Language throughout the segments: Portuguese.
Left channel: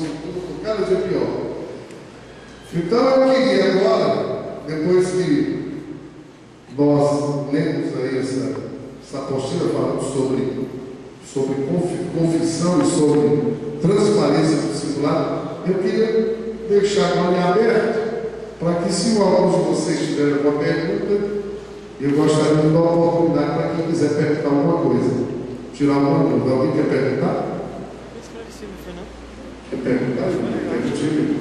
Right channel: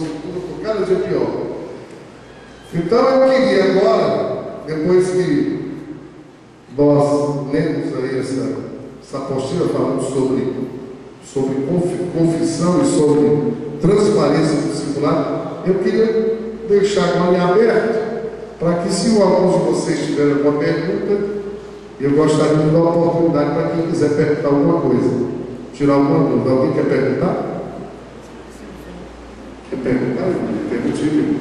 condição de tudo por cada dia pior. Então eu queria agora, depois que nós lemos aí essa apostila falando sobre confissão e sobre transparência do discipulado, eu queria deixar com a linha aberta, para que, se alguns de vocês tiverem alguma pergunta, eu gostaria de dar uma oportunidade para quem quiser perguntar alguma coisa, tirar alguma dúvida. Alguém quer perguntar? Quer perguntar? Pergunte.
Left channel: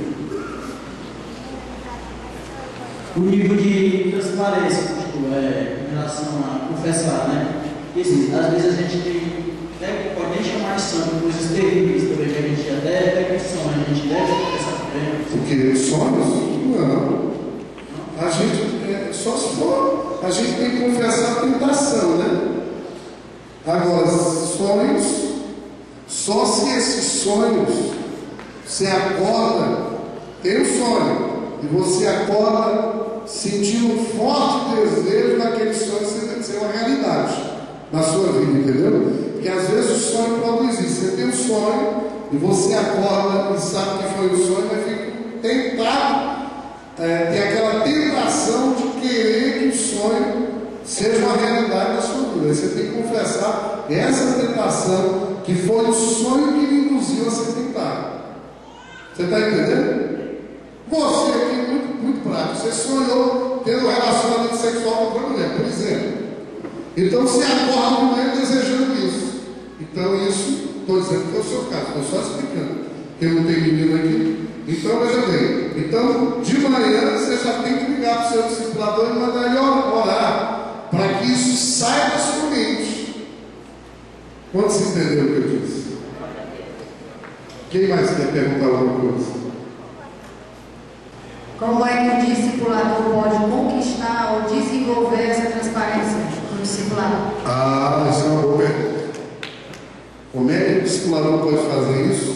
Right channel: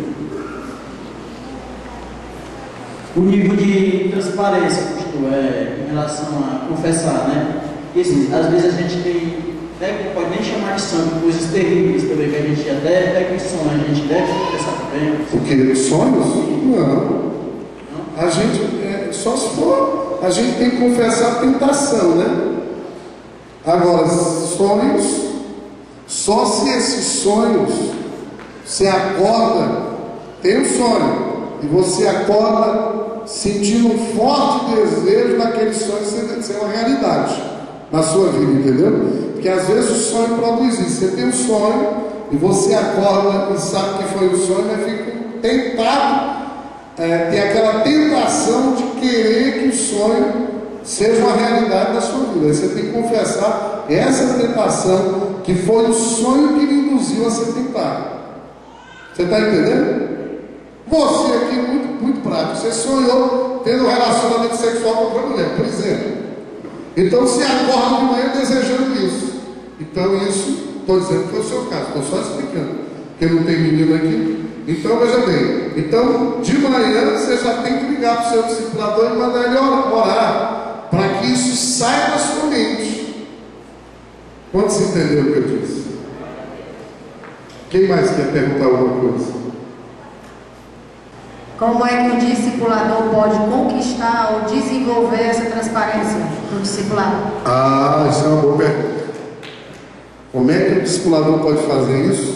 O nível de transparência, pastor, em relação a confessar, né? Porque assim, às vezes a gente tem, né, pode nem chamar de santo, coisas terríveis também, que a gente até com sonhos, a gente deve confessar também. O que? Sonhos? Não. A gente, só se for, a gente tem que confessar a tentação, né? Agora, sonhos, só se esses sonhos, você acorda, tem um sonho, e você acorda sentindo um forte desejo daquele sonho ser uma realidade na sua vida, entendeu? Porque às vezes o sonho produz isso. Você tem um sonho e você acorda e sabe que foi um sonho, mas fica tentado, tem aquela tentação de querer que o sonho seja uma realidade na sua vida. Aí você tem que confessar essa tentação, que foi o sonho que lhe induziu a ser tentado. Você está entendendo? Você aqui, muito prático, você sonhou tendo um relacionamento sexual com outra mulher, por exemplo. Então você acorda de manhã desejando isso. Então isso, estou dizendo que foi o seu caso, estou só explicando, porque não tem menino aqui. Então veja bem, então de manhã você já tem que ligar para o seu discipulador e mandar ele orar, para que isso saia da sua mente. Quantos entenderam o que eu disse? Quem mais quer perguntar alguma coisa? Como é que o discipulador pode conquistar ou desenvolver essa transparência no discipulado? Isso é uma boa pergunta. Como é que o discipulador pode fazer isso?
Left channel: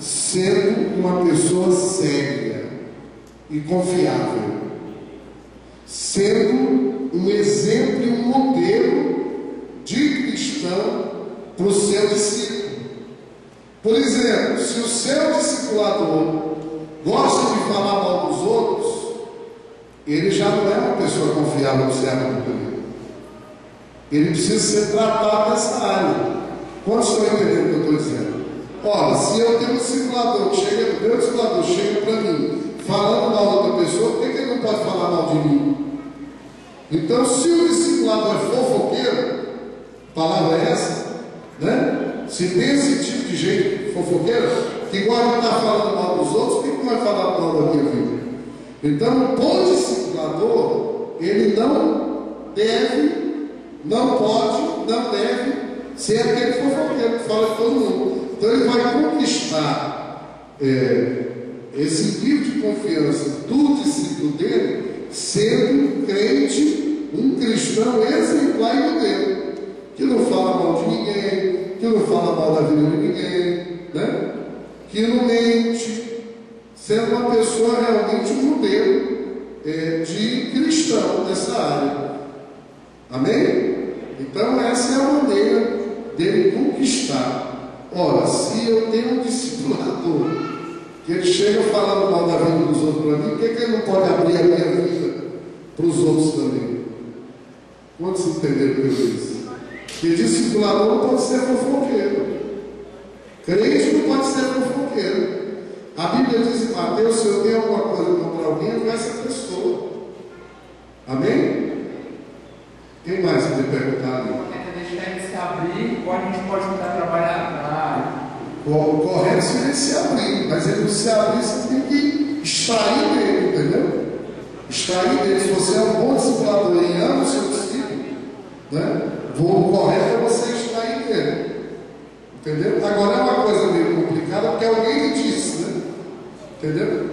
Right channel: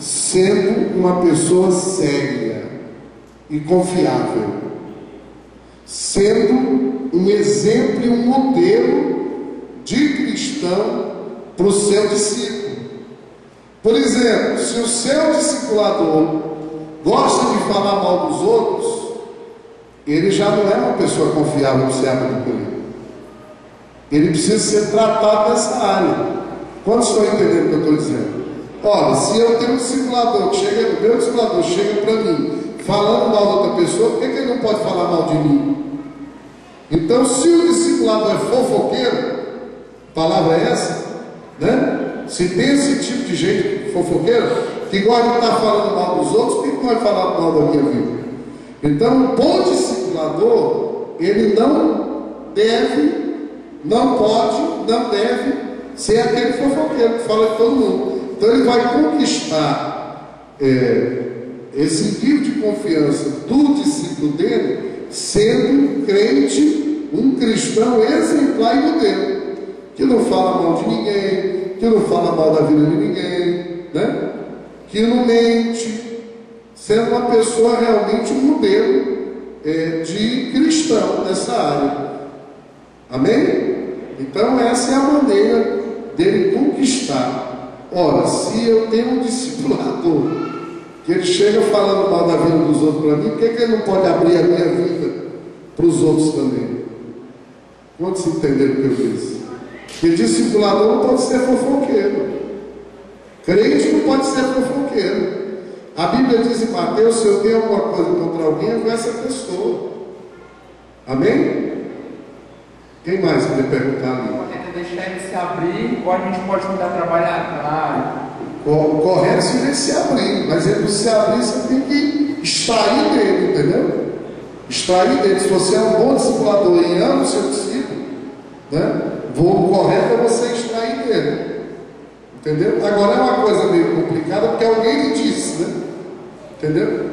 Sendo uma pessoa séria e confiável, sendo um exemplo e um modelo de cristão para o seu discípulo. Por exemplo, se o seu discipulador gosta de falar mal dos outros, ele já não é uma pessoa confiável para ser acolhido. Ele precisa ser tratado nessa área. Quantos estão entendendo o que eu estou dizendo? Olha, se eu tenho um discipulador que chega, meu discipulador chega para mim falando mal de outra pessoa, por que ele não pode falar mal de mim? Então, se o discipulador é fofoqueiro, a palavra é essa, né? Se tem esse tipo de gente fofoqueiro, que gosta de estar falando mal dos outros, por que vai falar mal da minha vida? Então, o bom discipulador, ele não deve, não pode, não deve ser aquele fofoqueiro que fala de todo mundo. Então ele vai conquistar esse nível de confiança do discípulo dele, sendo um crente, um cristão exemplar e modelo, que não fala mal de ninguém, que não fala mal da vida de ninguém, né? Que não mente, sendo uma pessoa realmente um modelo de cristão nessa área. Amém? Então essa é a maneira dele conquistar. Ora, se eu tenho um discipulador que ele chega falando mal da vida dos outros para mim, por que ele não pode abrir a minha vida para os outros também? Quantos entenderam o que eu disse? Que discipulador não pode ser fofoqueiro. Crente não pode ser fofoqueiro. A Bíblia diz em Mateus: se eu tenho alguma coisa contra alguém, eu vou essa pessoa. Amém? Quem mais quer perguntar ali? Deixar ele se abrir, ou a gente pode tentar trabalhar na área? O correto seria se abrir, mas ele não se abrir, você tem que extrair dele, entendeu? Extrair dele. Se você é um bom discipulador e ama o seu discípulo, né? O correto é você extrair dele, entendeu? Agora é uma coisa meio complicada, porque alguém lhe disse, né? Entendeu?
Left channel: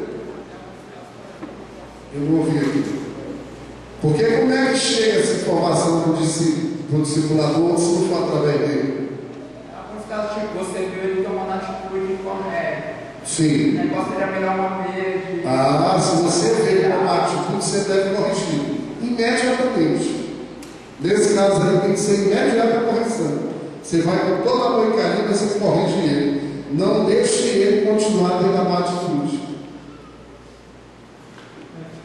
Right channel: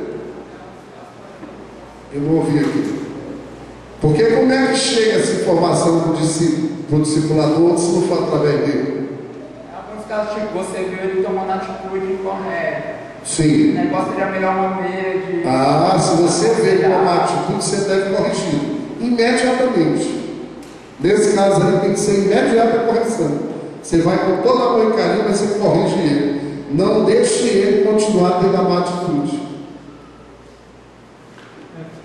Eu não ouvi aqui. Porque como é que chega essa informação para o discipulador se não for através dele? Alguns casos, tipo, você viu ele tomando atitude incorreta. Sim. O negócio seria a melhor maneira de... Se você vê uma atitude, você deve corrigir imediatamente. Nesse caso aí tem que ser imediata a correção. Você vai com toda a amor e carinho, mas você corrige ele. não deixe ele continuar tendo a má atitude.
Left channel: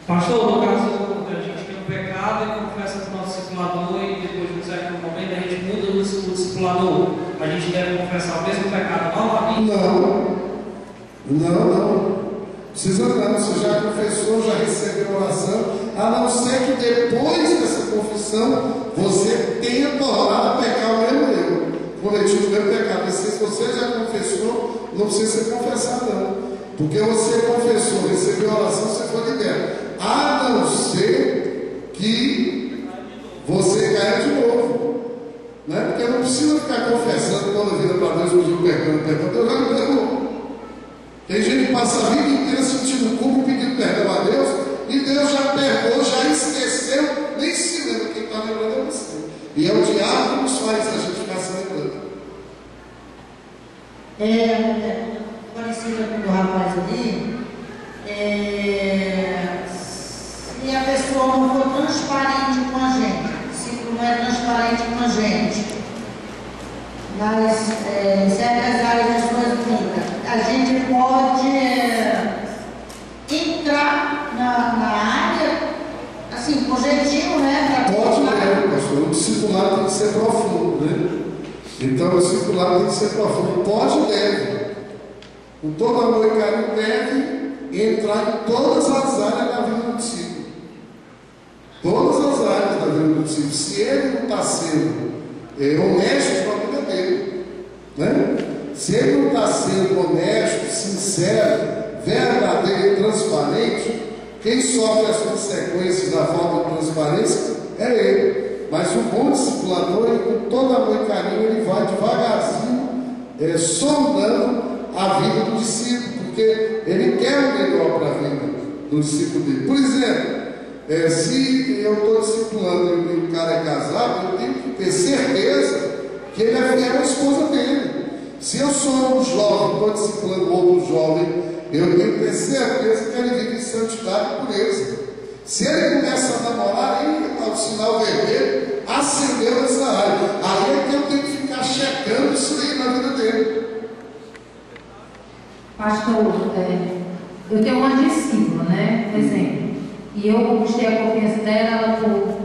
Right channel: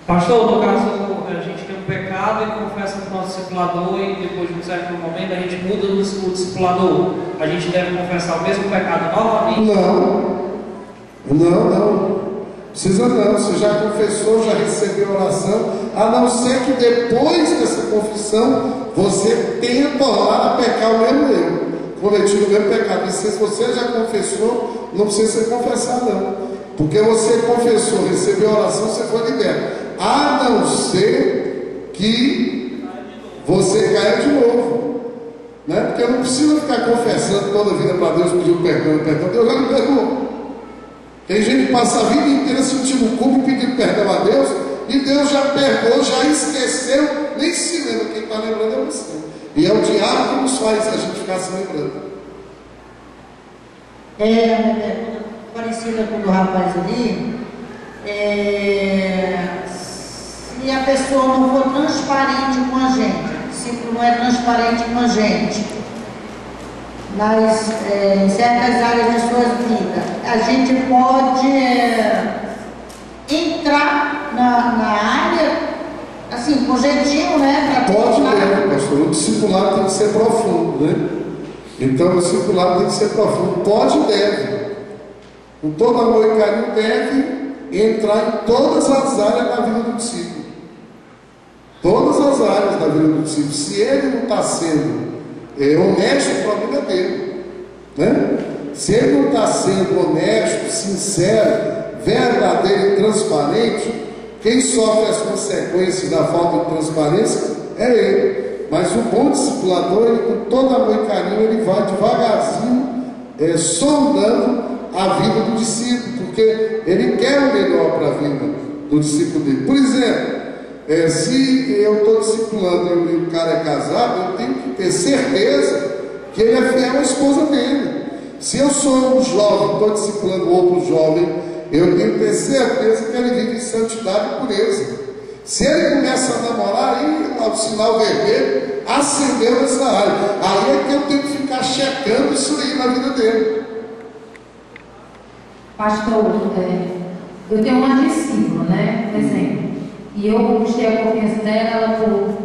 Pastor, no caso, a gente tem um pecado e confessa para o nosso discipulador, e depois de um certo momento a gente muda o discipulador. A gente deve confessar o mesmo pecado novamente? Não. Precisa não. Você já confessou, já recebeu oração, a não ser que depois dessa confissão você tenha tornado a pecar o mesmo erro, cometido o mesmo pecado. E se você já confessou, não precisa se confessar não, porque você confessou, recebeu oração, você foi liberto. A não ser que você caia de novo, né? Porque não precisa ficar confessando toda a vida para Deus, pedindo perdão. Deus já me perdoou. Tem gente que passa a vida inteira sentindo culpa e pedindo perdão a Deus, e Deus já perdoou, já esqueceu, nem se lembra. Quem está lembrando é você. E é o diabo que nos faz a gente ficar se lembrando. Parecida com o do rapaz ali, se a pessoa não for transparente com a gente, se não é transparente com a gente, nas certas áreas da sua vida, a gente pode entrar na área, assim, com jeitinho, né? Pode mesmo, pastor. O discipulado tem que ser profundo, né? Então o discipulado tem que ser profundo. Pode e deve. Com todo amor e carinho, deve entrar em todas as áreas da vida do discípulo. Todas as áreas da vida do discípulo. Se ele não está sendo honesto, o problema é dele, né? Se ele não está sendo honesto, sincero, verdadeiro e transparente, quem sofre as consequências da falta de transparência é ele. Mas o bom discipulador, ele, com todo amor e carinho, ele vai devagarzinho sondando a vida do discípulo, porque ele quer o melhor para a vida do discípulo dele. Por exemplo, se eu estou discipulando e o cara é casado, eu tenho que ter certeza que ele é fiel à esposa dele. Se eu sou um jovem, estou discipulando outro jovem, eu tenho que ter certeza que ele vive em santidade e pureza. Se ele começa a namorar, aí o sinal vermelho acendeu nessa área. Aí é que eu tenho que ficar checando isso aí na vida dele. Pastor, eu tenho uma discípula, né? Por exemplo, e eu conquistei a confiança dela, ela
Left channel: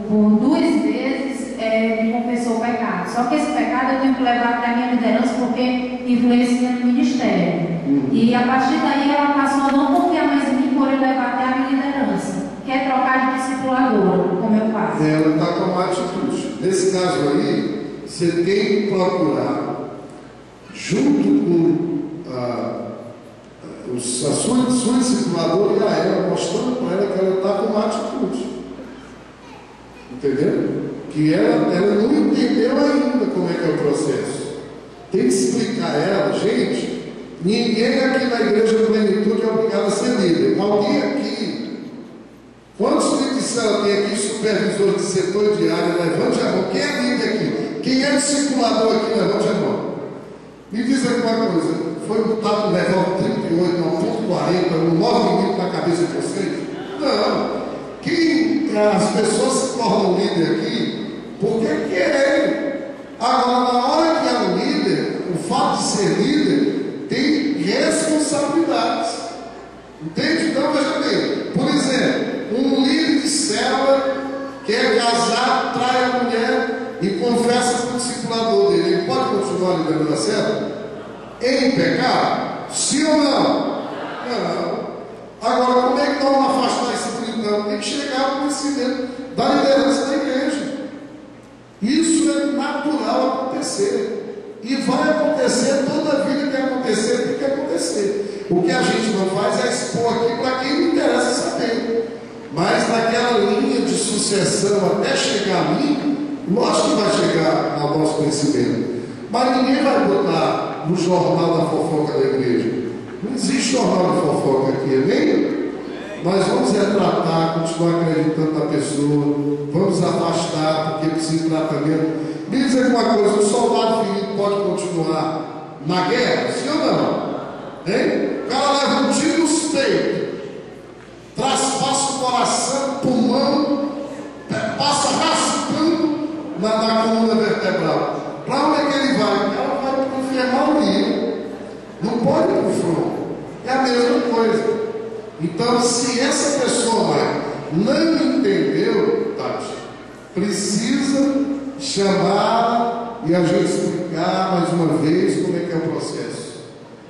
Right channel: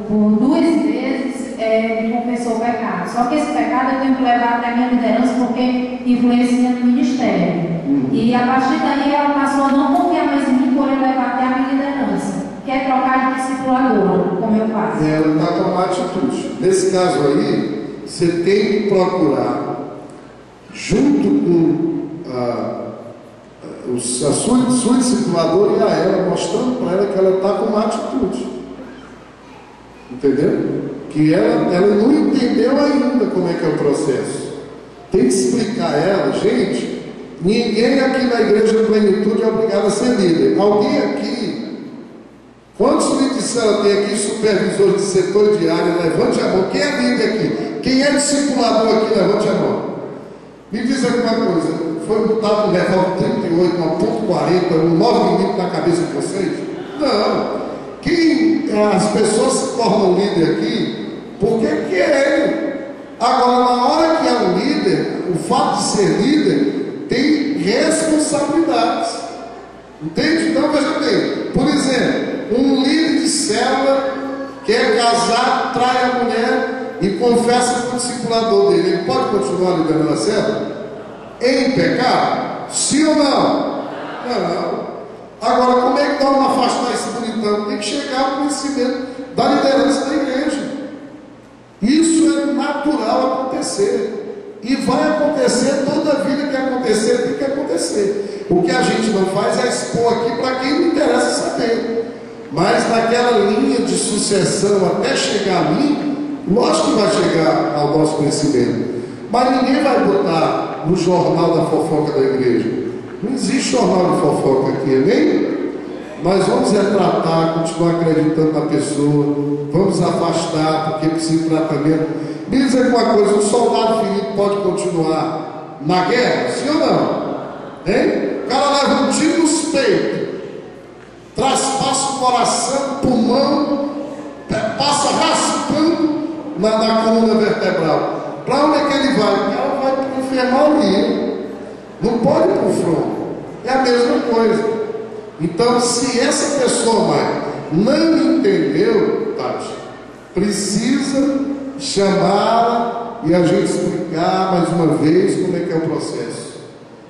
por 2 vezes me confessou o pecado. Só que esse pecado eu tenho que levar até a minha liderança, porque influencia no ministério. E a partir daí ela passou a não confiar mais em mim, por eu levar até a minha liderança. Quer trocar de discipuladora, como eu faço? Ela está com uma atitude. Nesse caso aí, você tem que procurar, junto com a sua discipuladora e a ela, mostrando para ela que ela está com uma atitude. Entendeu? Que ela não entendeu ainda como é que é o processo. Tem que explicar a ela, gente, ninguém aqui na Igreja Plenitude é obrigado a ser líder. Alguém aqui, quantos líderes ela tem aqui, supervisor de setor de área, levante a mão. Quem é líder aqui? Quem é discipulador aqui, levante a mão. Me diz alguma coisa, foi botado um revólver 38, uma .40, um 9mm na cabeça de vocês? Não. As pessoas se tornam líder aqui porque querem. Agora, na hora que é um líder, o fato de ser líder tem responsabilidades. Entende? Então, veja bem. Por exemplo, um líder de célula quer casar, trai a mulher e confessa para o discipulador dele. Ele pode continuar liderando a célula? Em pecado? Sim ou não? Não. Agora, como é que vamos afastar esse bonitão? Tem que chegar ao conhecimento da liderança da igreja. Isso é natural acontecer. E vai acontecer toda a vida que acontecer, tem que acontecer. O que a gente não faz é expor aqui para quem não interessa saber. Mas naquela linha de sucessão até chegar a mim, lógico que vai chegar ao nosso conhecimento. Mas ninguém vai botar no jornal da fofoca da igreja. Não existe jornal de fofoca aqui, amém? Mas vamos retratar, continuar acreditando na pessoa, vamos afastar, porque precisa de tratamento. Me diz alguma coisa, um soldado ferido pode continuar na guerra, sim ou não? Hein? O cara leva um tiro nos peitos, traspassa o coração, pulmão, passa raspando na coluna vertebral. Para onde é que ele vai? Ela vai para o infernal ali. Não a mesma coisa. Então, se essa pessoa, mãe, não entendeu, Tati, precisa chamar e a gente explicar mais uma vez como é que é o processo.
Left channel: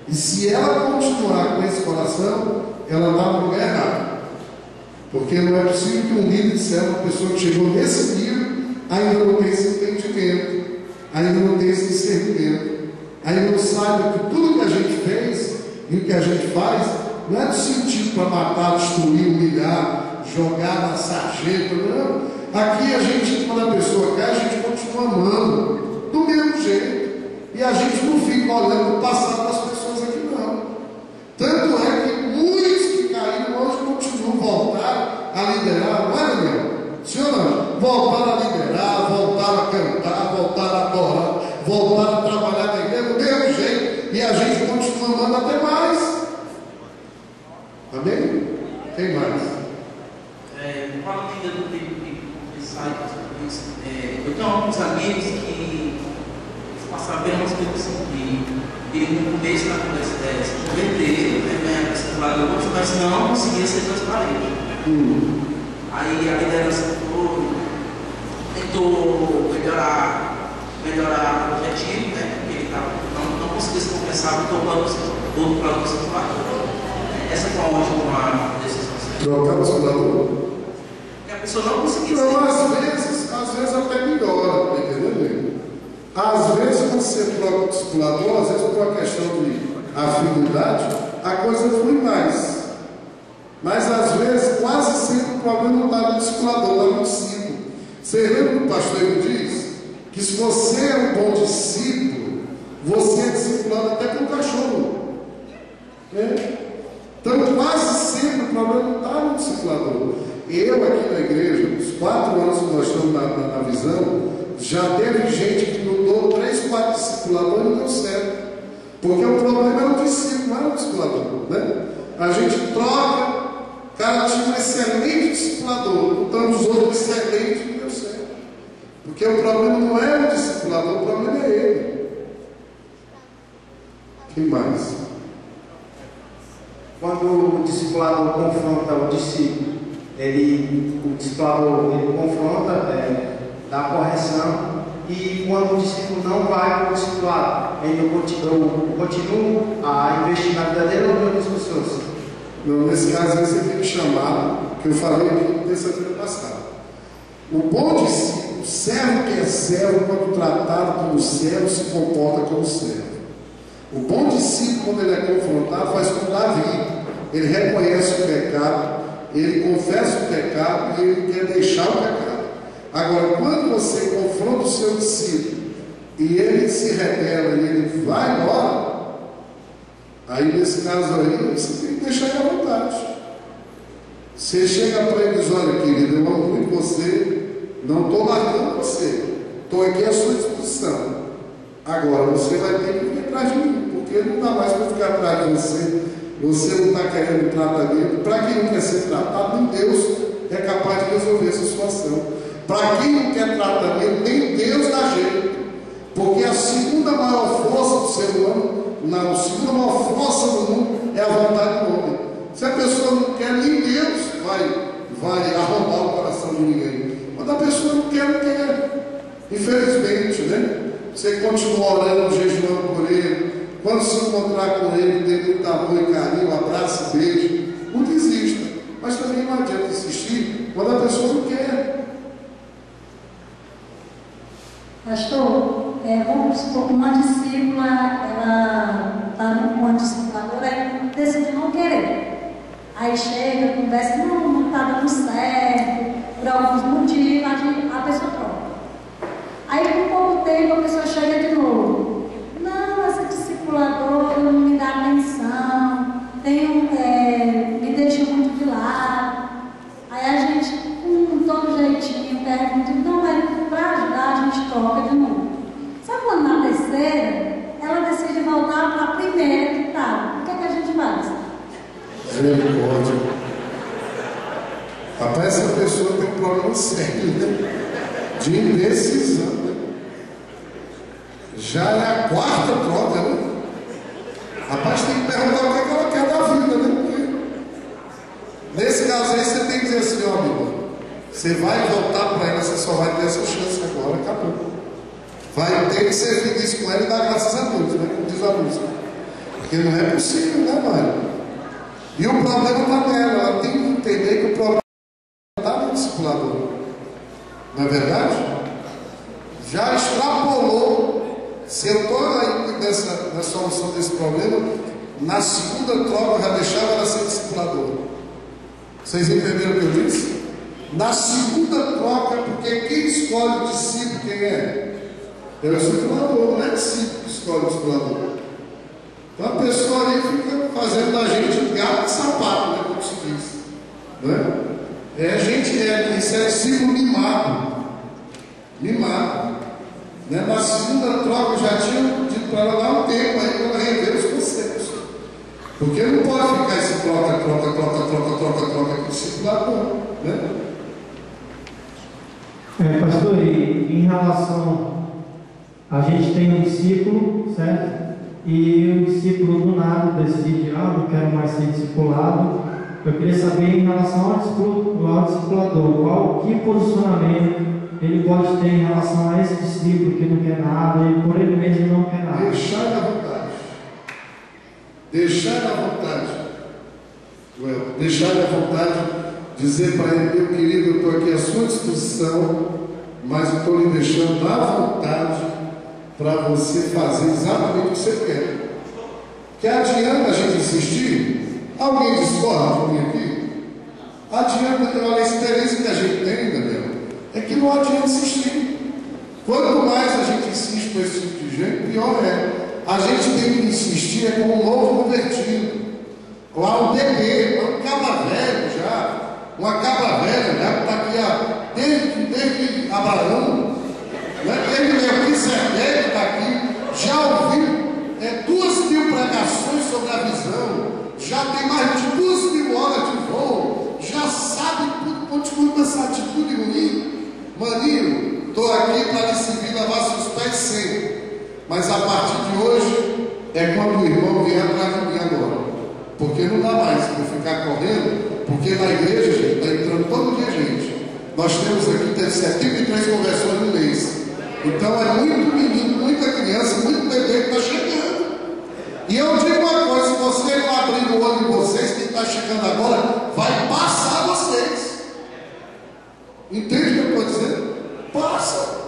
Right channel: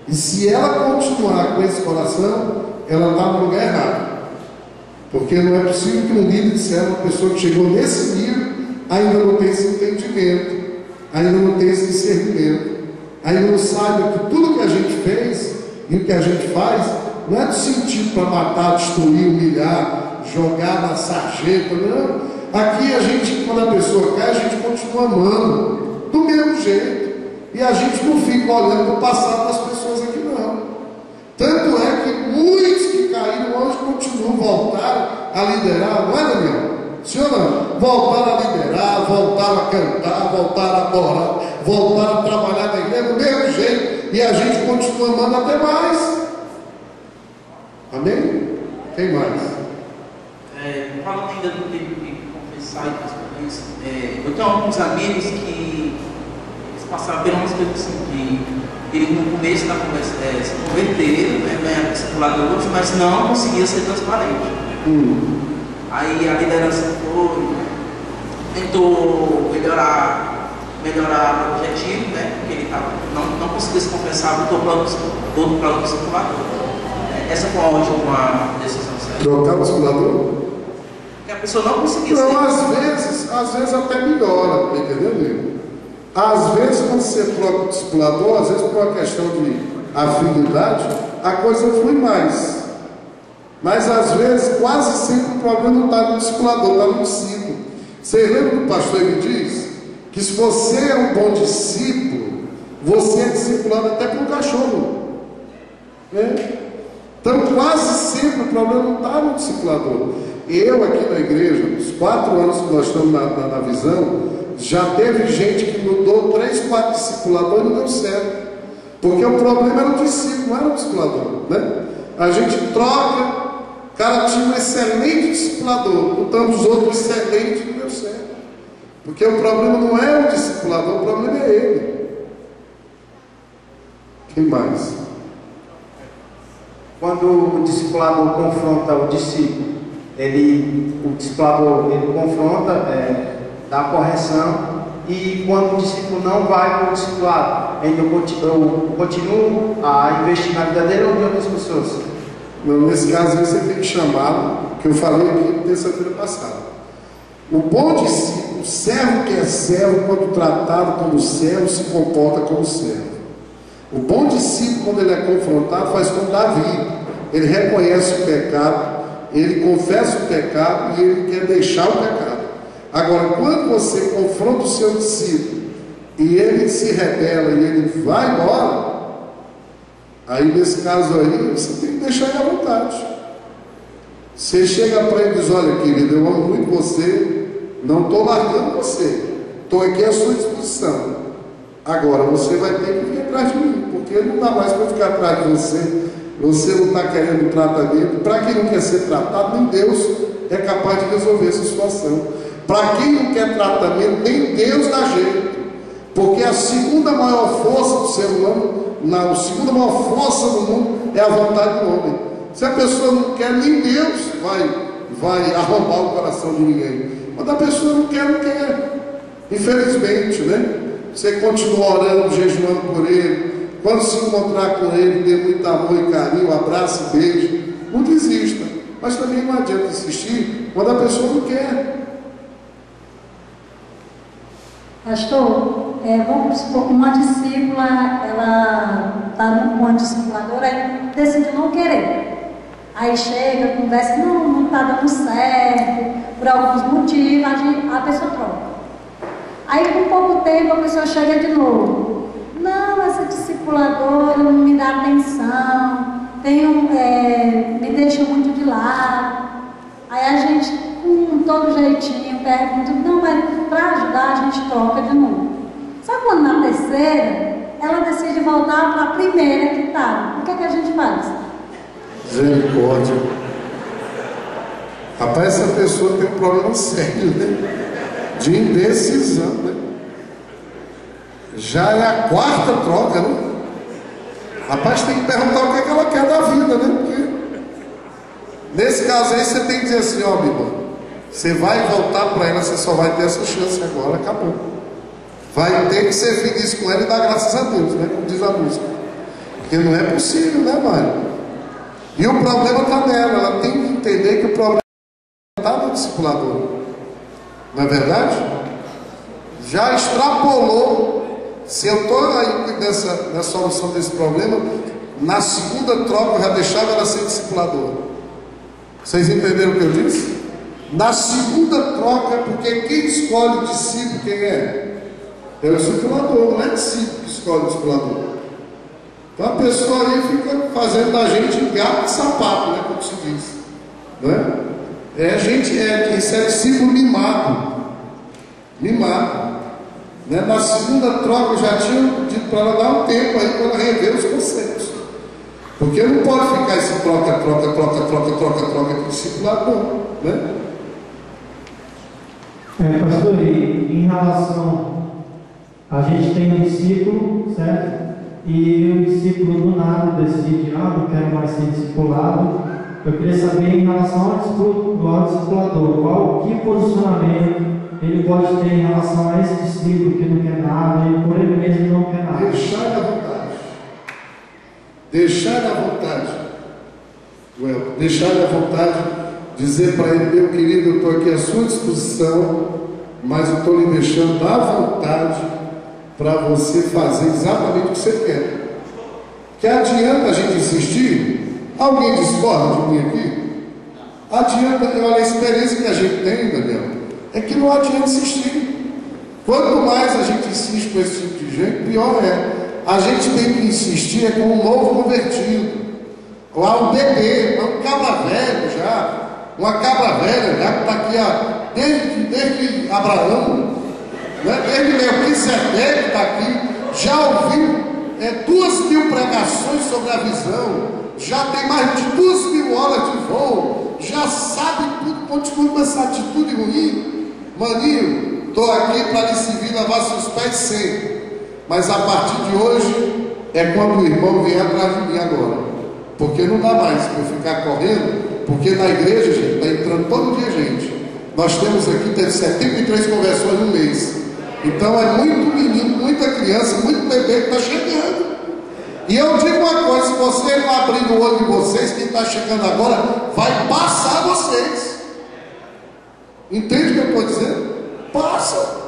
E se ela continuar com esse coração, ela está no lugar errado. Porque não é possível que um líder disser uma pessoa que chegou nesse nível ainda não tem esse entendimento, ainda não tem esse discernimento, ainda não sabe que tudo que a gente fez e o que a gente faz não é do sentido para matar, destruir, humilhar, jogar na sarjeta, não. Aqui a gente, quando a pessoa cai, a gente continua amando do mesmo jeito. E a gente não fica olhando para o passado das pessoas aqui, não. Tanto é que muitos que caíram hoje continuam, voltaram a liderar, não é, Daniel? Senhor, não? Voltaram a liderar, voltaram a cantar, voltaram a adorar, voltaram a trabalhar na igreja do mesmo jeito. E a gente continua amando até mais. Amém? Quem mais? Falando ainda do tempo de confessar e tudo isso, eu tenho alguns amigos que eles passaram por umas coisas assim, que ele no começo da conversa se converteram, ganharam discipuladores, mas não conseguia ser transparente. Aí a liderança tentou melhorar o objetivo, né? Porque ele não conseguia se confessar, botou para o discipulador. Essa foi uma decisão certa. Trocar o discipulador? Porque a pessoa não conseguia ser. Não, às vezes até melhora, entendeu? Às vezes, quando você troca o discipulador, às vezes por uma questão de afinidade, a coisa flui mais. Mas às vezes, quase sempre o problema não está no discipulador, está no discípulo. Você lembra que o pastor ele diz que se você é um bom discípulo, você é discipulado até com o cachorro. Né? Então, quase sempre o problema não está no discipulador. Eu aqui na igreja, os 4 anos que nós estamos na visão, já teve gente que mudou 3, 4 discipuladores e não deu certo. Porque o problema era o discípulo, não era o discipulador. Né? A gente troca, o cara tinha um excelente discipulador, então os outros excelentes não deu certo. Porque o problema não é o discipulador, o problema é ele. Quem mais? Quando o discipulador confronta o discípulo, o discipulador confronta, dá correção, e quando o discípulo não vai com o discipulado, eu continuo a investir na vida dele ou em outras pessoas? Não, nesse caso você tem que chamar, que eu falei aqui terça-feira passada. O bom discípulo, o servo que é servo, quando tratado como servo, se comporta como servo. O bom discípulo, quando ele é confrontado, faz como Davi. Ele reconhece o pecado, ele confessa o pecado e ele quer deixar o pecado. Agora, quando você confronta o seu discípulo e ele se rebela e ele vai embora, aí nesse caso aí, você tem que deixar ele à vontade. Você chega para ele e diz: olha, querido, eu amo muito você, não estou largando você, estou aqui à sua disposição. Agora você vai ter que vir atrás de mim, porque não dá mais para ficar atrás de você. Você não está querendo tratamento. Para quem não quer ser tratado, nem Deus é capaz de resolver essa situação. Para quem não quer tratamento, nem Deus dá jeito. Porque a segunda maior força do ser humano, a segunda maior força do mundo é a vontade do homem. Se a pessoa não quer, nem Deus vai arrombar o coração de ninguém. Quando a pessoa não quer, não quer. Infelizmente, né? Você continua orando, jejuando por ele. Quando se encontrar com ele, dê muito amor e carinho, abraço e beijo. Não desista. Mas também não adianta insistir quando a pessoa não quer. Pastor, vamos supor que uma discípula, ela está com uma discipuladora e decide não querer. Aí chega, conversa, não está dando certo, por alguns motivos, a pessoa troca. Aí com pouco tempo a pessoa chega de novo. Não, essa discipuladora não me dá atenção, me deixa muito de lado. Aí a gente, com todo jeitinho, pergunta: não, mas para ajudar a gente troca de novo. Só quando na terceira, ela decide voltar para a primeira que está. O que é que a gente faz? Misericórdia. Rapaz, essa pessoa tem um problema sério, né? De indecisão, né? Já é a 4ª troca, né? Rapaz, tem que perguntar o que ela quer da vida, né? Porque nesse caso aí você tem que dizer assim, ó, amigo, você vai voltar para ela, você só vai ter essa chance agora, acabou. Vai ter que ser feliz com ela e dar graças a Deus, né? Como diz a música. Porque não é possível, né, Mário? E o problema está nela, ela tem que entender que o problema está no discipulador. Não é verdade? Já extrapolou. Se eu estou aí na solução desse problema, na segunda troca eu já deixava ela ser discipuladora. Vocês entenderam o que eu disse? Na segunda troca, porque quem escolhe o discípulo, quem é? É o discipulador, não é discípulo que escolhe o discipulador. Então a pessoa aí fica fazendo da gente gato de sapato, né? Como se diz. Não é? Isso é discípulo mimado. Mimado. Né? Na segunda troca eu já tinha dito para ela dar um tempo aí para ela rever os conceitos. Porque não pode ficar esse troca com o discipulador. Né? Pastor, em relação, a gente tem um discípulo, certo? E o discípulo do nada decide, não quero mais ser discipulado. Eu queria saber em relação ao discipulador, que posicionamento ele pode ter em relação a esse discípulo que não quer nada, e por ele mesmo não quer nada. Deixar à vontade. Deixar à vontade. Deixar à vontade, dizer para ele, meu querido, eu estou aqui à sua disposição, mas eu estou lhe deixando à vontade para você fazer exatamente o que você quer. Que adianta a gente insistir? Alguém discorda de mim aqui? Adianta, olha, a experiência que a gente tem, Daniel, é que não adianta insistir. Quanto mais a gente insiste com esse tipo de gente, pior é. A gente tem que insistir com um novo convertido, com um bebê, um cabra velho já, uma cabra velha já que está aqui desde Abraão, né? Desde Melquisedeque está aqui, já ouviu 2.000 pregações sobre a visão, já tem mais de 2.000 horas de voo, já sabe tudo, continua com essa atitude ruim. Maninho, estou aqui para lhe servir, lavar seus pés sempre. Mas a partir de hoje é quando o irmão vier atrás de mim agora. Porque não dá mais para eu ficar correndo, porque na igreja, gente, está entrando todo dia gente. Nós temos aqui, teve 73 conversões no mês. Então é muito menino, muita criança, muito bebê que está chegando. E eu digo uma coisa, se você não abrir o olho de vocês, quem está chegando agora vai passar vocês. Entende o que eu estou dizendo? Passa.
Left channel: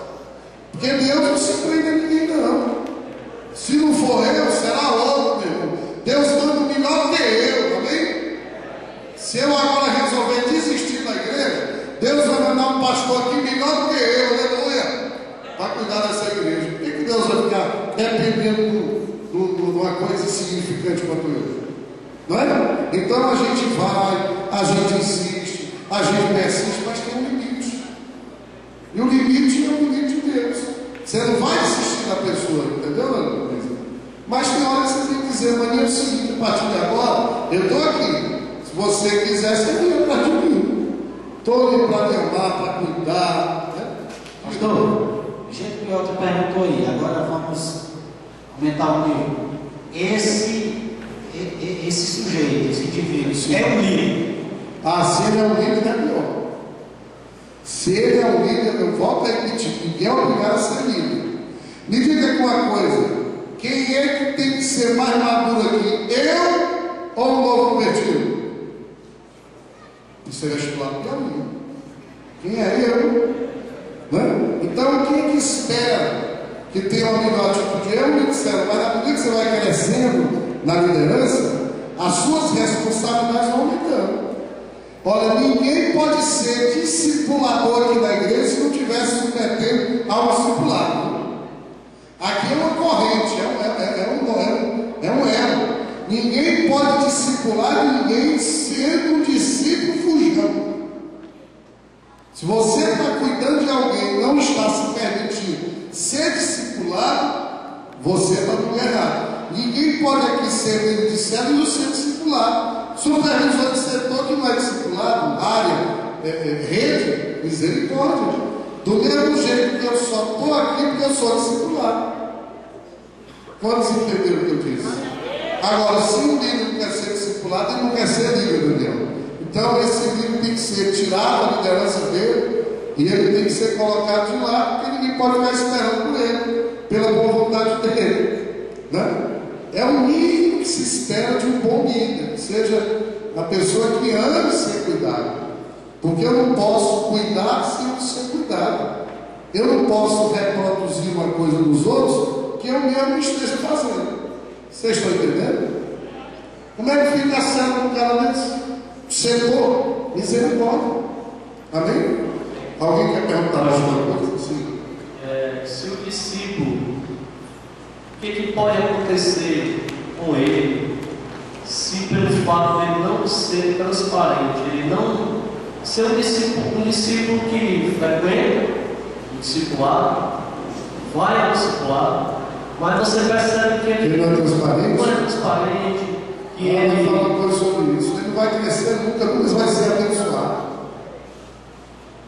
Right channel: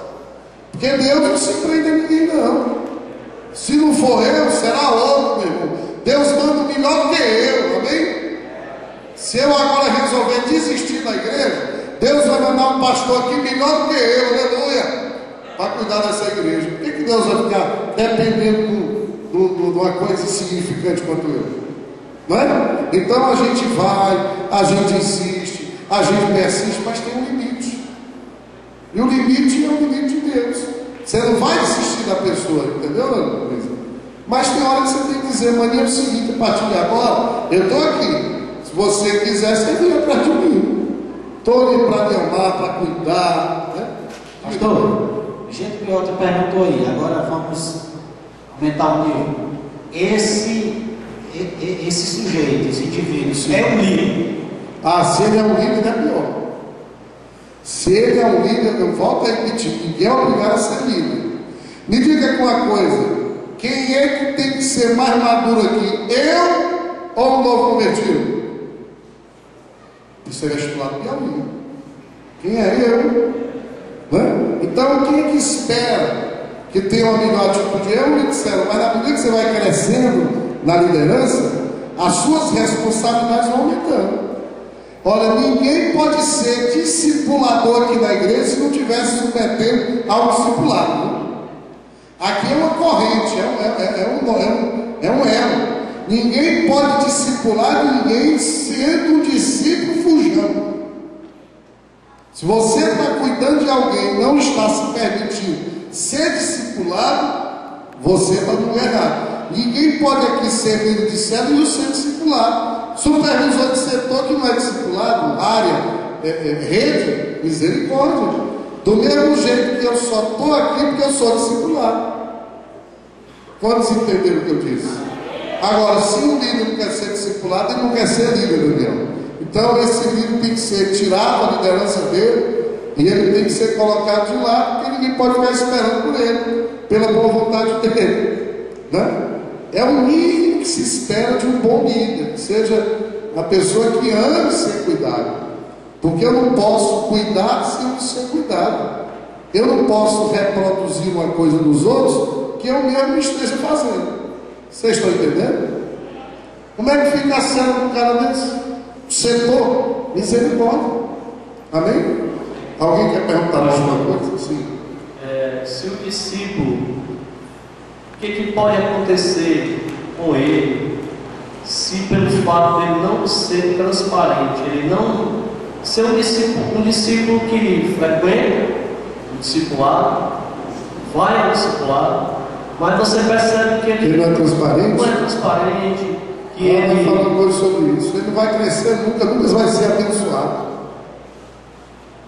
Porque Deus não se prende a ninguém, não. Se não for eu, será outro, meu irmão. Deus manda o melhor que eu, amém? Se eu agora resolver desistir da igreja, Deus vai mandar um pastor aqui melhor que eu, aleluia, para cuidar dessa igreja. Por que Deus vai ficar dependendo de uma coisa insignificante quanto eu? Não é? Então a gente vai, a gente insiste, a gente persiste, mas tem um limite. E o limite é o limite de Deus. Você não vai desistir da pessoa, entendeu? Mas tem hora que você tem que dizer, Maninha, é o seguinte, a partir de agora, eu estou aqui. Se você quiser, você vem atrás de mim. Estou ali para me amar, para cuidar. Né? Pastor, gente que outra perguntou aí, agora vamos aumentar o nível. Esse sujeito, esse indivíduo, é um líder. Se ele é um líder, é pior. Se ele é um líder, eu volto a repetir, ninguém é obrigado a ser líder. Me diga uma coisa, quem é que tem que ser mais maduro aqui? Eu ou o novo convertido? Isso é vestibular Piauí. Quem é eu? Né? Então quem é que espera que tenha uma melhor atitude? Eu me disseram, mas na medida que você vai crescendo na liderança, as suas responsabilidades vão aumentando. Olha, ninguém pode ser discipulador aqui na igreja se não estiver se submetendo ao discipulado. Aqui é uma corrente, é um elo. Ninguém pode discipular ninguém sendo um discípulo fujão. Se você está cuidando de alguém e não está se permitindo ser discipulado, você está no lugar errado. Ninguém pode aqui ser líder de célula e não ser discipulado. Supervisor de setor que não é discipulado, área, rede, misericórdia. Do mesmo jeito que eu só estou aqui porque eu sou discipulado. Quantos entenderam o que eu disse? Agora, se um líder não quer ser discipulado, ele não quer ser líder, Daniel. Então, esse líder tem que ser tirado da liderança dele e ele tem que ser colocado de lado, porque ninguém pode ficar esperando por ele, pela boa vontade dele, né? É o mínimo que se espera de um bom líder, que seja a pessoa que ame ser cuidado, porque eu não posso cuidar se eu não ser cuidado. Eu não posso reproduzir uma coisa dos outros que eu mesmo esteja fazendo. Vocês estão entendendo? Como é que fica a cena com um cara desse? Setor, misericórdia. Amém? Alguém quer perguntar mais uma coisa? Sim. Se o discípulo, o que pode acontecer com ele se pelo fato de ele não ser transparente, ele não ser um discípulo que frequenta o discipulado, vai ao discipulado, mas você percebe que ele não é transparente? Não é transparente, que ele fala uma coisa sobre isso. Ele não vai crescer nunca vai ser abençoado.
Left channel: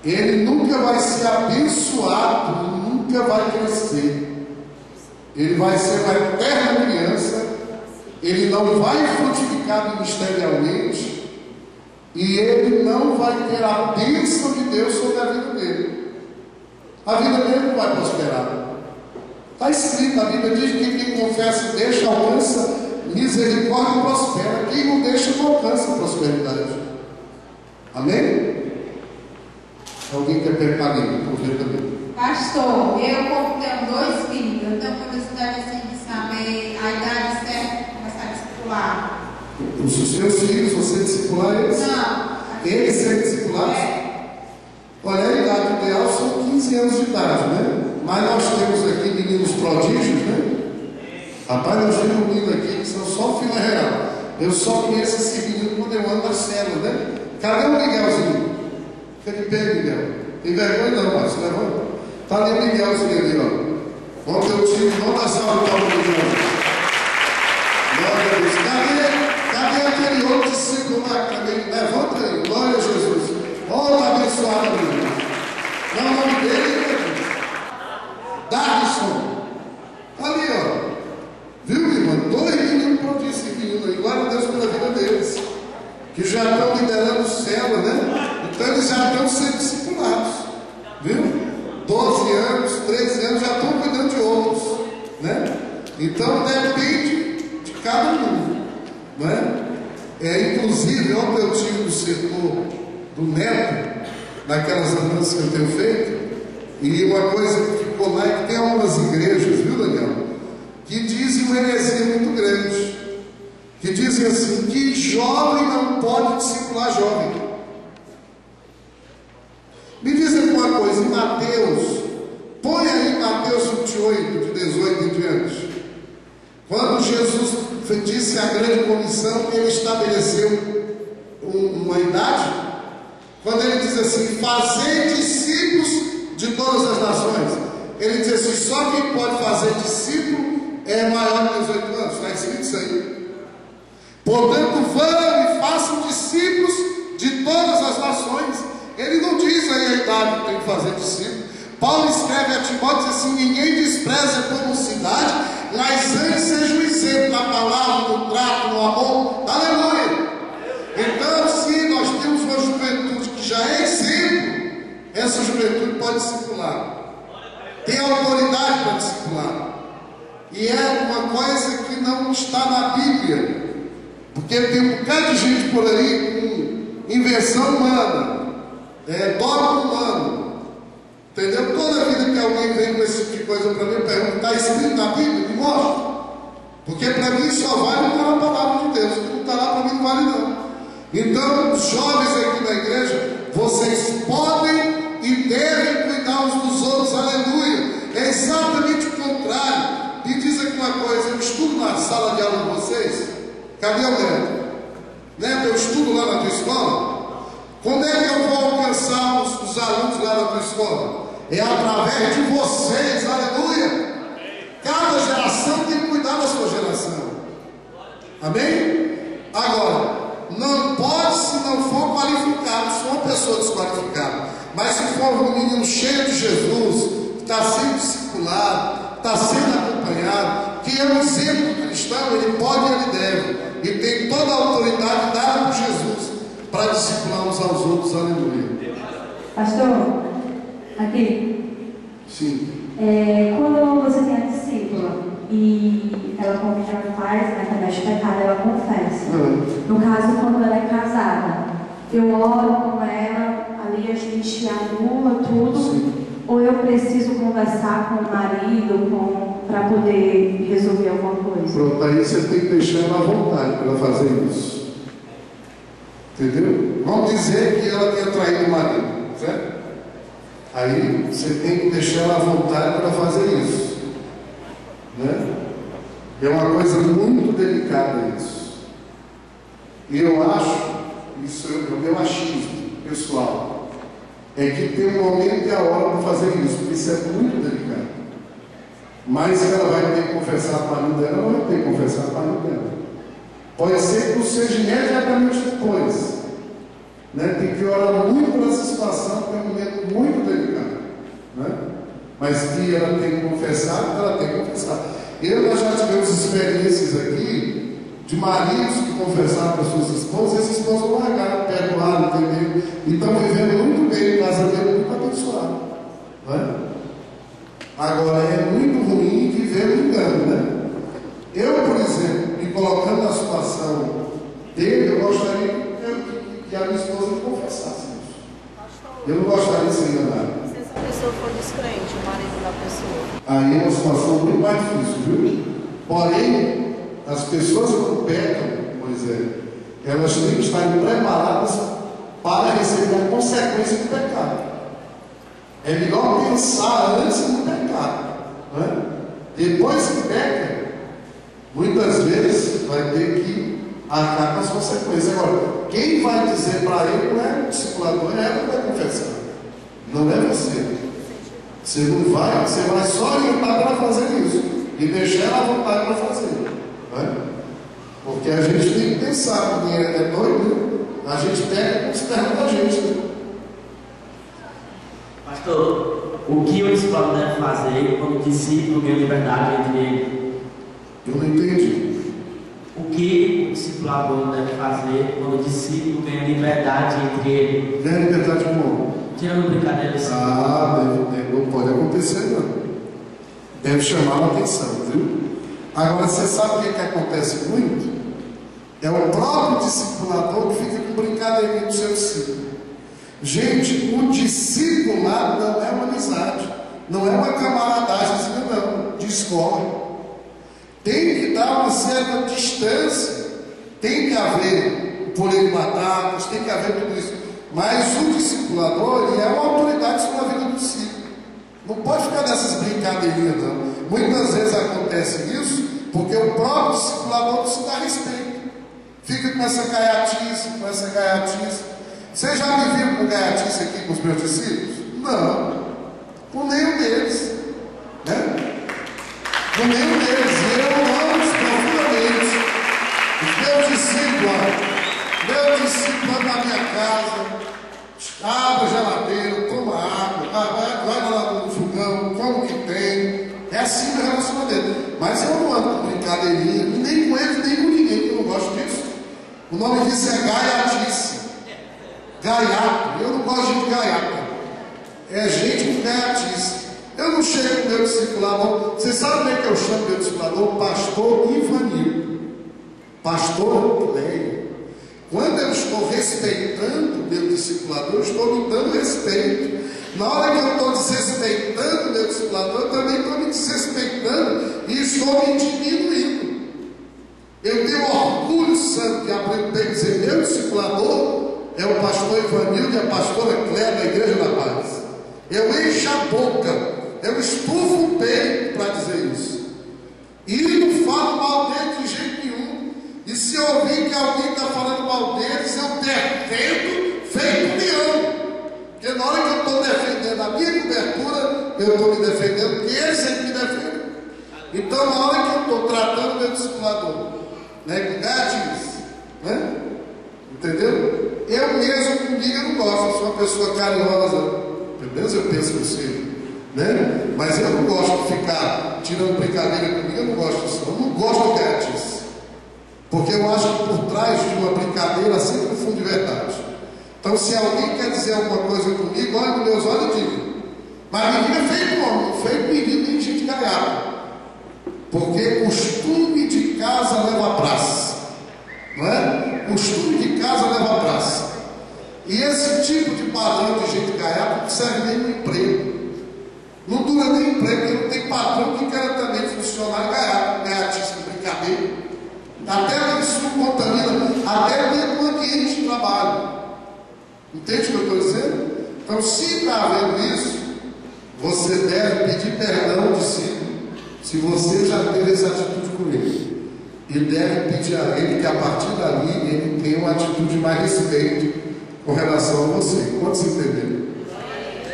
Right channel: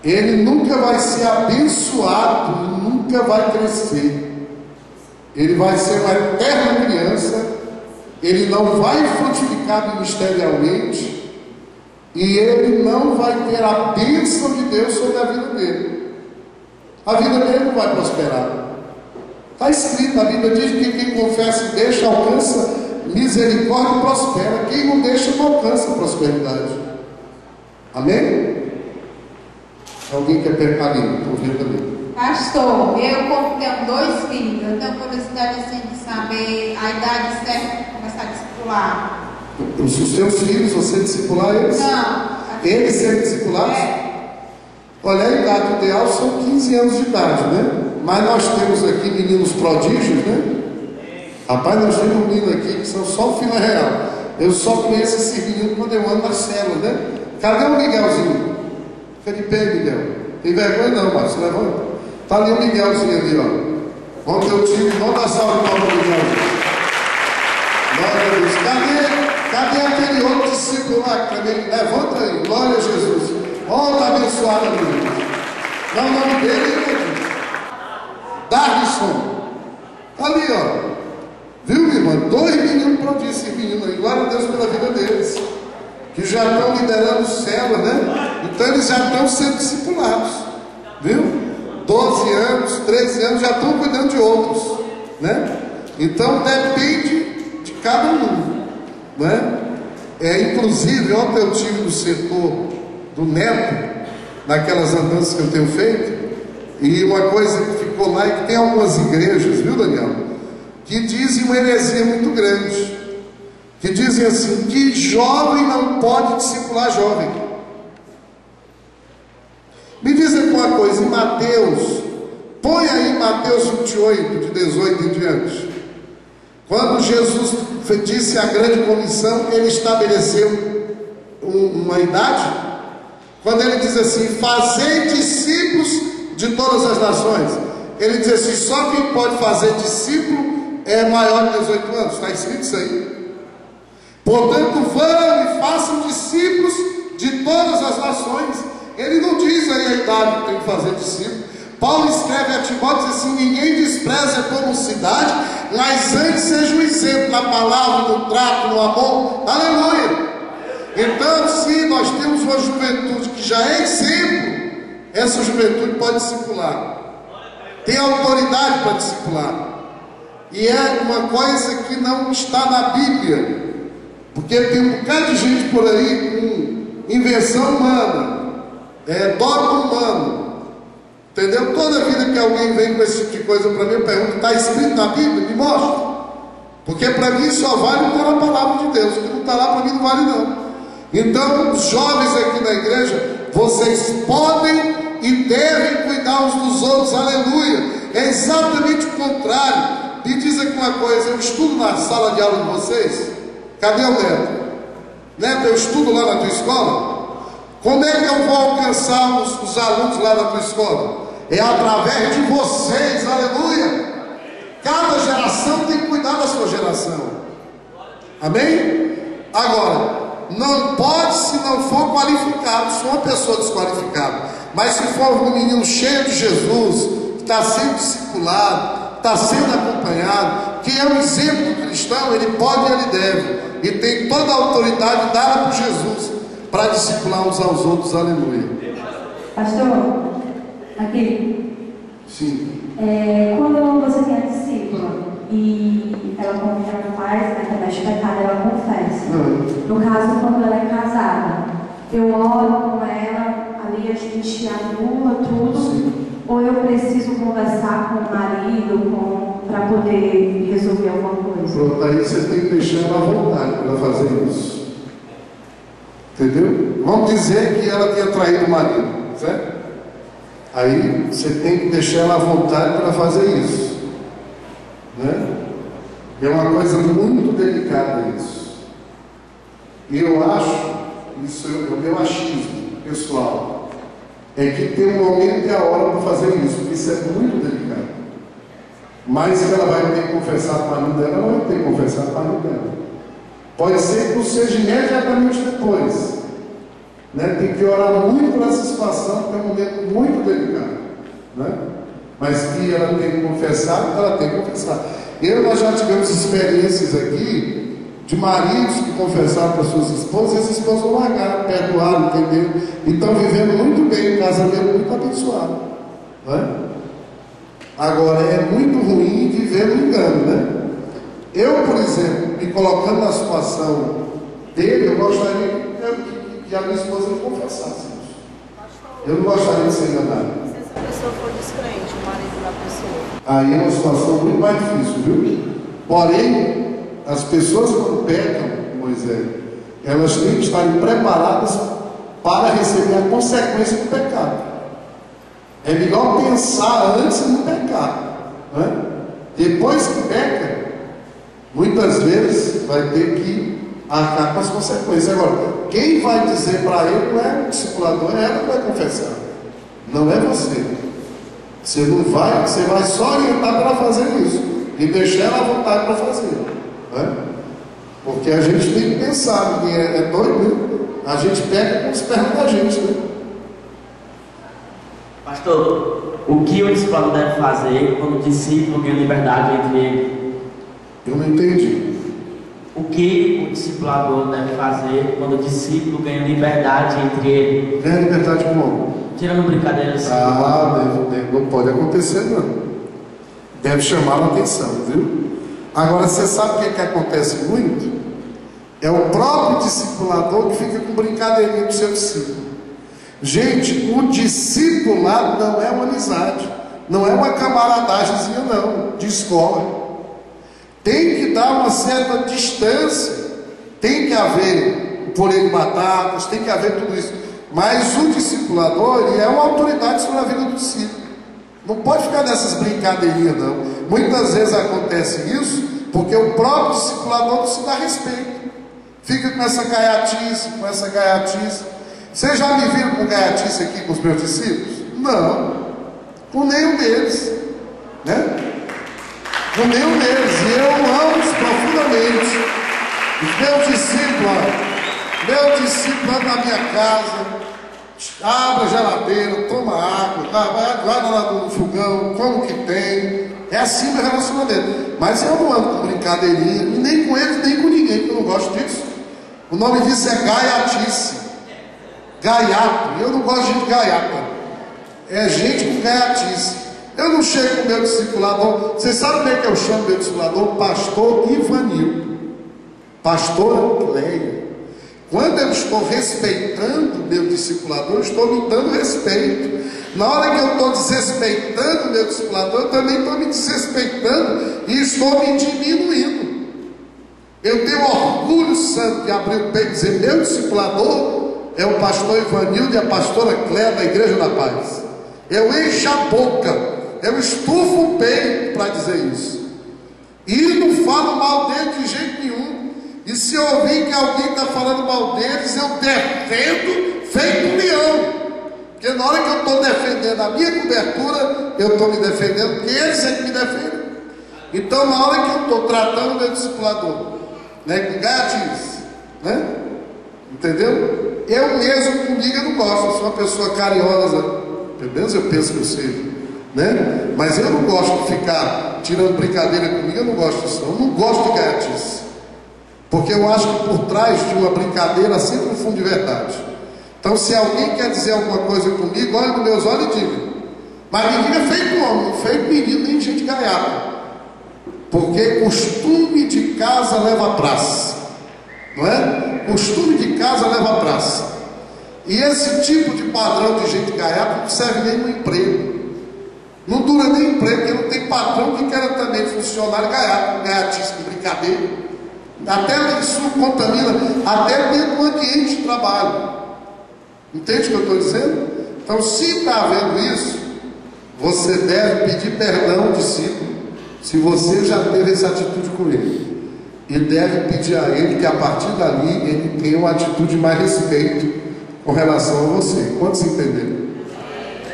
Ele nunca vai ser abençoado, nunca vai crescer. Ele vai ser uma eterna criança. Ele não vai frutificar ministerialmente. E ele não vai ter a bênção de Deus sobre a vida dele. A vida dele não vai prosperar. Está escrito, a Bíblia diz que quem confessa e deixa alcança misericórdia e prospera. Quem não deixa não alcança prosperidade. Amém? Alguém quer perguntar ali? Por ver também. Pastor, eu como tenho 2 filhos, eu tenho curiosidade assim de saber a idade certa para começar a discipular. Os seus filhos, você discipular eles? Não. Eles serem discipulados? Olha, a idade ideal são 15 anos de idade, né? Mas nós temos aqui meninos prodígios, né? Rapaz, nós temos um menino aqui que são só fila real. Eu só conheço esse menino quando eu ando na célula, né? Cadê o Miguelzinho? Fica de pé, Miguel. Tem vergonha não, mas levanta. Tá ali o Miguelzinho ali, ó. Ontem eu tive, vamos dar salve para o Miguel. Glória a Deus. Cadê aquele outro discípulo lá que também? Levanta aí, glória a Jesus. Ó, tá abençoado, amigo. Não é o nome dele, Darlison. Ali, ó. Viu, minha irmã? 2 meninos prodígios, esse menino aí. Glória a Deus pela vida deles. Que já estão liderando o céu, né? Então eles já estão sendo discipulados. Viu? 12 anos, 13 anos, já estão cuidando de outros, né? Então depende de cada um, né? Inclusive, ontem eu tive no setor do Neto, naquelas andanças que eu tenho feito, e uma coisa que ficou lá é que tem algumas igrejas, viu, Daniel, que dizem uma heresia muito grande, que dizem assim, que jovem não pode discipular jovem. Me dizem uma coisa, em Mateus, põe aí Mateus 28, de 18 em diante, quando Jesus disse a grande comissão, ele estabeleceu uma idade, quando ele diz assim, fazei discípulos de todas as nações, ele diz assim, só quem pode fazer discípulo é maior de 18 anos, está escrito isso aí. Portanto, vão e façam discípulos de todas as nações. Ele não diz aí a idade que tem que fazer discípulo. Paulo escreve a Timóteo, diz assim, ninguém despreza como cidade, mas antes seja um exemplo na palavra, no trato, no amor. Aleluia! Então, se nós temos uma juventude que já é exemplo, essa juventude pode discipular. Tem autoridade para discipular. E é uma coisa que não está na Bíblia. Porque tem um bocado de gente por aí com invenção humana, dogma humano. Entendeu? Toda vida que alguém vem com esse tipo de coisa para mim, eu pergunto, está escrito na Bíblia? Me mostra. Porque para mim só vale o que está na palavra de Deus. O que não está lá para mim não vale não. Então, os jovens aqui na igreja, vocês podem e devem cuidar uns dos outros, aleluia. É exatamente o contrário. Me diz aqui uma coisa, eu estudo na sala de aula de vocês. Cadê o Neto? Neto, eu estudo lá na tua escola. Como é que eu vou alcançar os alunos lá na tua escola? É através de vocês, aleluia. Cada geração tem que cuidar da sua geração. Amém? Agora, não pode se não for qualificado, se for uma pessoa desqualificada. Mas se for um menino cheio de Jesus, que está sendo discipulado, está sendo acompanhado, que é um exemplo cristão, ele pode e ele deve, e tem toda a autoridade dada por Jesus para discipular uns aos outros. Aleluia. Pastor, aqui. Sim. Quando você tem a discípula e ela já faz, né, comete pecado, ela confessa. No caso, quando ela é casada, eu oro com ela, ali a gente anula tudo. Sim. Ou eu preciso conversar com o marido para poder resolver alguma coisa? Pronto, aí você tem que deixar ela à vontade para fazer isso. Entendeu? Vamos dizer que ela tenha traído o marido, certo? Aí você tem que deixar ela à vontade para fazer isso, né? É uma coisa muito delicada isso. E eu acho, isso é o meu achismo pessoal, é que tem um momento e a hora para fazer isso, porque isso é muito delicado. Mas ela vai ter que confessar para o marido dela, ela vai ter que confessar para o marido dela. Pode ser que não seja imediatamente depois, né? Tem que orar muito nessa situação, porque é um momento muito delicado, né? Mas que ela tem que confessar, ela tem que confessar. Nós já tivemos experiências aqui de maridos que confessaram para suas esposas, e as esposas largaram, perdoaram, entenderam? E estão vivendo muito bem, o casamento muito abençoado, não é? Agora, é muito ruim viver no engano, né? Eu, por exemplo, me colocando na situação dele, eu gostaria que a minha esposa me confessasse isso. Eu não gostaria de ser enganado. Se essa pessoa for descrente, o marido da pessoa? Aí é uma situação muito mais difícil, viu? Porém, as pessoas quando pecam, Moisés, elas têm que estar preparadas para receber a consequência do pecado. É melhor pensar antes no pecado, né? Depois que peca, muitas vezes vai ter que arcar com as consequências. Agora, quem vai dizer para ele não é o discipulador, é ela que vai confessar, não é você. Você não vai, você vai só orientar para fazer isso e deixar ela à vontade para fazer. Porque a gente tem que pensar, ninguém é doido, né? A gente pega com os pernas da gente, né? Pastor, o que o discípulo deve fazer quando o discípulo ganha liberdade entre ele? Eu não entendi. O que o discipulador deve fazer quando o discípulo ganha liberdade entre ele? Ganha liberdade como? Tirando brincadeira assim. Não pode acontecer, não. Deve chamar a atenção, viu? Agora, você sabe o que acontece muito? É o próprio discipulador que fica com brincadeirinha do seu discípulo. Gente, o discipulado não é uma amizade, não é uma camaradagemzinha, não, de escola. Tem que dar uma certa distância, tem que haver o purê de batatas, tem que haver tudo isso. Mas o discipulador, ele é uma autoridade sobre a vida do discípulo. Não pode ficar nessas brincadeirinhas, não. Muitas vezes acontece isso porque o próprio discipulador não se dá respeito. Fica com essa gaiatice, com essa gaiatice. Vocês já me viram com gaiatice aqui com os meus discípulos? Não. Com nenhum deles, né? Com nenhum deles. E eu amo-os profundamente. Meu discípulo na minha casa, abre a geladeira, toma água, vai lá no fogão, como que tem. É assim meu relacionamento. Mas eu não ando com brincadeirinha, nem com eles, nem com ninguém, porque eu não gosto disso. O nome disso é gaiatice. Gaiato. Eu não gosto de gaiata. É gente com gaiatice. Eu não chego com meu discipulador. Você sabe como é que eu chamo meu discipulador? Pastor Ivanil. Pastor Cleia. Quando eu estou respeitando meu discipulador, eu estou me dando respeito. Na hora que eu estou desrespeitando meu discipulador, eu também estou me desrespeitando e estou me diminuindo. Eu tenho orgulho santo de abrir o peito e dizer: meu discipulador é o pastor Ivanildo e a pastora Cléia da Igreja da Paz. Eu encho a boca, eu estufo o peito para dizer isso. E não falo mal deles de jeito nenhum. E se eu ouvir que alguém está falando mal deles, eu defendo feito um leão. Porque na hora que eu estou defendendo a minha cobertura, eu estou me defendendo, porque eles é que me defendem. Então, na hora que eu estou tratando o meu discipulador, né, com gatilhos, né? Entendeu? Eu mesmo comigo eu não gosto, eu sou uma pessoa carinhosa, pelo menos eu penso que eu sei, né? Mas eu não gosto de ficar tirando brincadeira comigo, eu não gosto disso. Eu não gosto de gaiatice. Porque eu acho que por trás de uma brincadeira sempre um fundo de verdade. Então, se alguém quer dizer alguma coisa comigo, olha nos meus olhos e diga. Mas menino é feito homem, não feito menino nem gente gaiata. Porque costume de casa leva a praça. Não é? Costume de casa leva a praça. E esse tipo de padrão de gente gaiata não serve nem no emprego. Não dura nem emprego, porque não tem patrão que queira também funcionário gaiatíssimo, brincadeira. Até isso contamina, até dentro do ambiente de trabalho. Entende o que eu estou dizendo? Então, se está havendo isso, você deve pedir perdão ao discípulo, se você já teve essa atitude com ele. E deve pedir a ele que a partir dali ele tenha uma atitude mais respeito com relação a você. Quantos entenderam?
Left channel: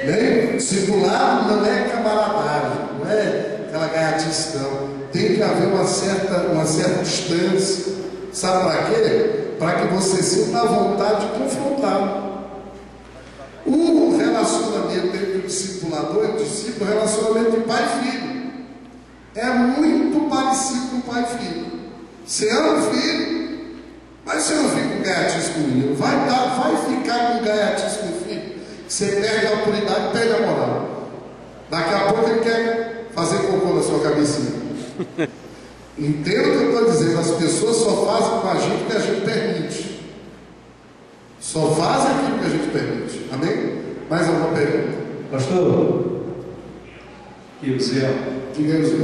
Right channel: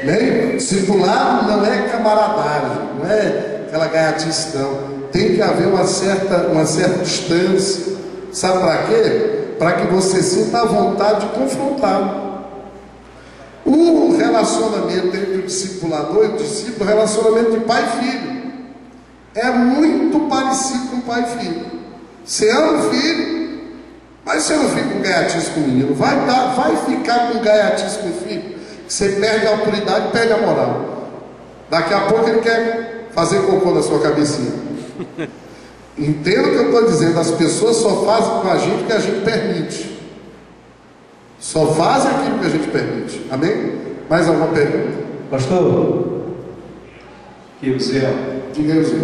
Bem, discipulado não é camaradagem, não é aquela gaiatice, não. Tem que haver uma certa distância. Sabe para quê? Para que você sinta a vontade de confrontar. O relacionamento entre o discipulador e o discípulo é o relacionamento de pai e filho. É muito parecido com pai e filho. Você ama o filho, mas você não fica com gaiatice com o menino. Vai ficar com gaiatice com o filho. Você perde a autoridade, perde a moral. Daqui a pouco ele quer fazer cocô na sua cabecinha. Entenda o que eu estou dizendo. As pessoas só fazem com a gente o que a gente permite. Só fazem aquilo que a gente permite. Amém? Mais alguma pergunta? Pastor? E o Zé? Diga aí, Zé.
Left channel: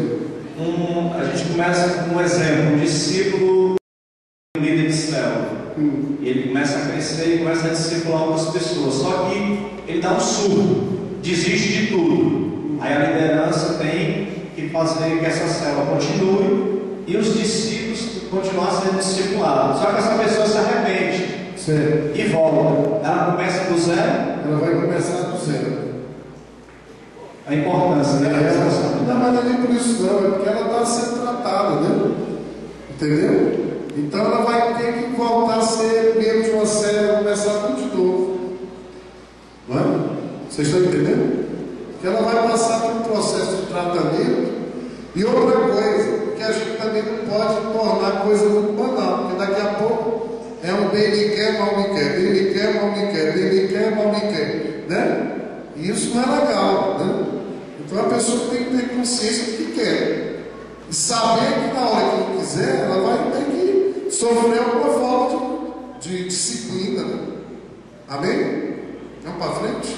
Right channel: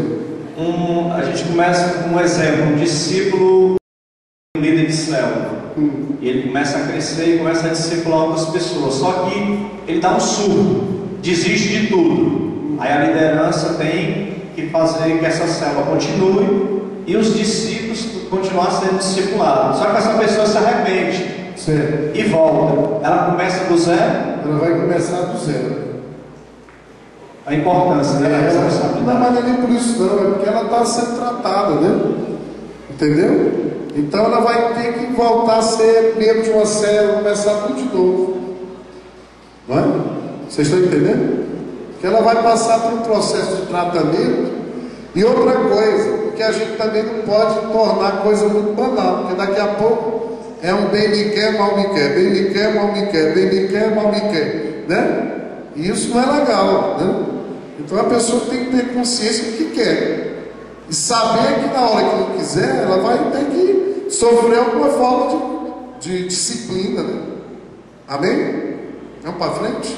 A gente começa com um exemplo. Um discípulo, um líder de célula. E ele começa a crescer e começa a discipular outras pessoas. Só que ele dá um surto, desiste de tudo. Aí a liderança tem que fazer que essa célula continue e os discípulos continuar sendo discipulados. Só que essa pessoa se arrepende. Sim. E volta. Ela começa do zero? Ela vai começar do zero. A importância, né? Não, mas não é nem por isso não, é porque ela está sendo tratada, né? Entendeu? Então ela vai ter que voltar a ser membro de uma célula, começar tudo de novo. Não é? Vocês estão entendendo? Que ela vai passar por um processo de tratamento. E outra coisa, que a gente também não pode tornar coisa muito banal, porque daqui a pouco é um bem me quer, mal me quer, bem me quer, mal me quer, bem me quer, mal me quer, né? E isso não é legal, né? Então a pessoa tem que ter consciência do que quer e saber que na hora que não quiser, ela vai ter que sofrer alguma forma de disciplina, né? Amém? Vamos para frente?